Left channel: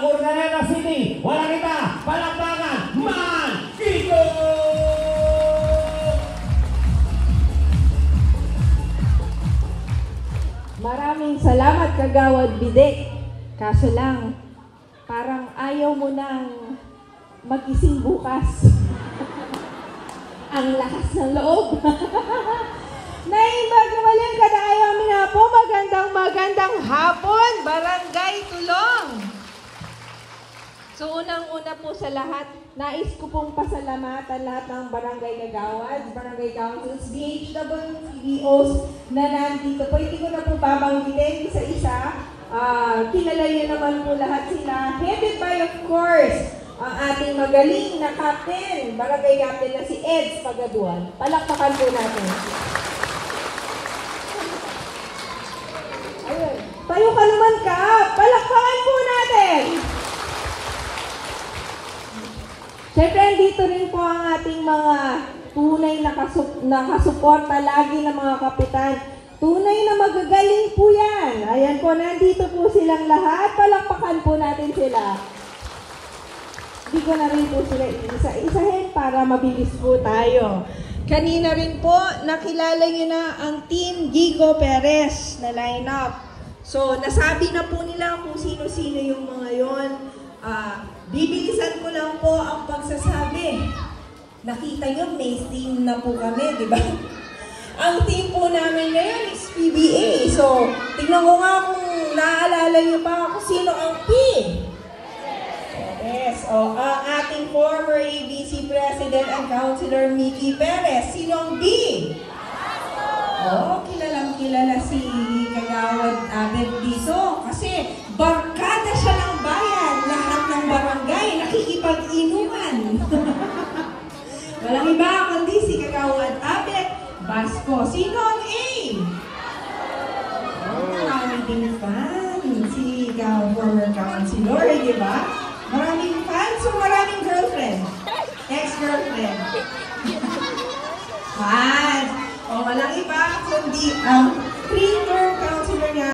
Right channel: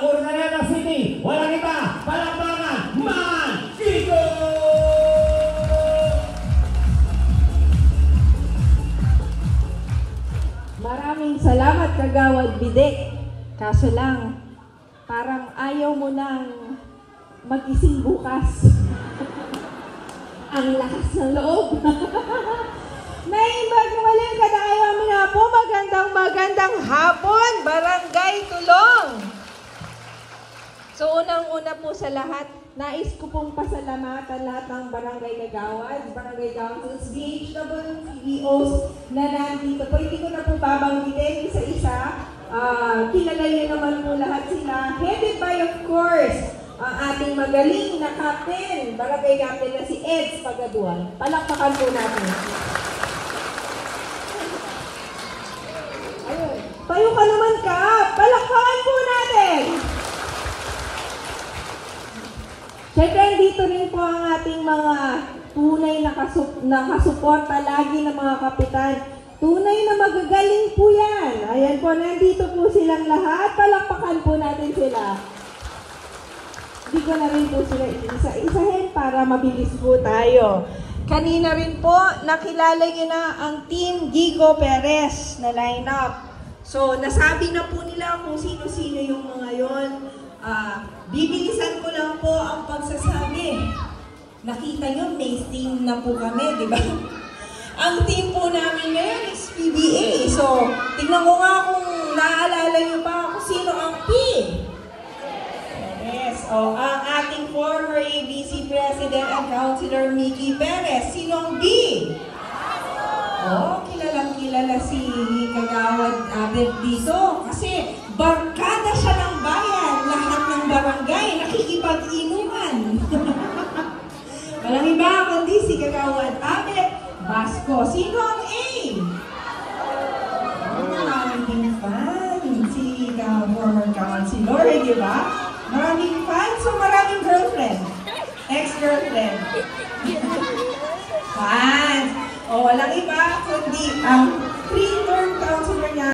Urdaneta City. Walang iba, palakpakan, Mandito! Maraming salamat, Kagawad Bidek. Kaso lang, parang ayaw mo nang magising bukas. Ang lakas ng loob. Naimbag naman ka na kayo amin na po. Magandang hapon, Barangay Tulong. So, unang-una po sa lahat, nais ko pong pasalamatan lahat ng barangay kagawad, barangay councils, BHWCEOs na nandito po. Hindi ko na po babanggitin isa-isa. Kilala niyo naman po lahat sila. Headed by, of course, ang ating magaling na captain, barangay captain na si Eds Pagaduan. Palakpakan po natin. Ayun. Tayo ka naman ka. Palakpakan po natin. Siyempre, dito rin po ang ating mga tunay na nakasuporta lagi ng mga kapitan. Tunay na magagaling po yan. Ayan po, nandito po silang lahat. Palakpakan po natin sila. Hindi ko na rin po sila isa-isahin para mabilis po tayo. Kanina rin po, nakilala niyo na ang Team Gigo Perez na lineup. So, nasabi na po nila kung sino-sino yung mga yon. Bibilisan ko lang po ang pagsasabi. Nakita nyo, may team na po kami, di ba? Ang team po namin ngayon is PBA. So, tingnan mo nga kung naaalala nyo pa kung sino ang P. Yes, so, ang ating former ABC President and Councilor Mickey Perez. Sino ang B? Oh, kilalang-kilala si Kagawad Abed dito. Kasi barkada siya ng bayan. Lahat ng barangay nakikipag-inuman. Walang iba kundi si Kagawad Abed Basco. Sino ang A? Maraming ding fan. Si former councilor, di ba? Maraming fans o maraming girlfriend? Ex-girlfriend. Fans. O, walang iba kundi ang premier councilor niya.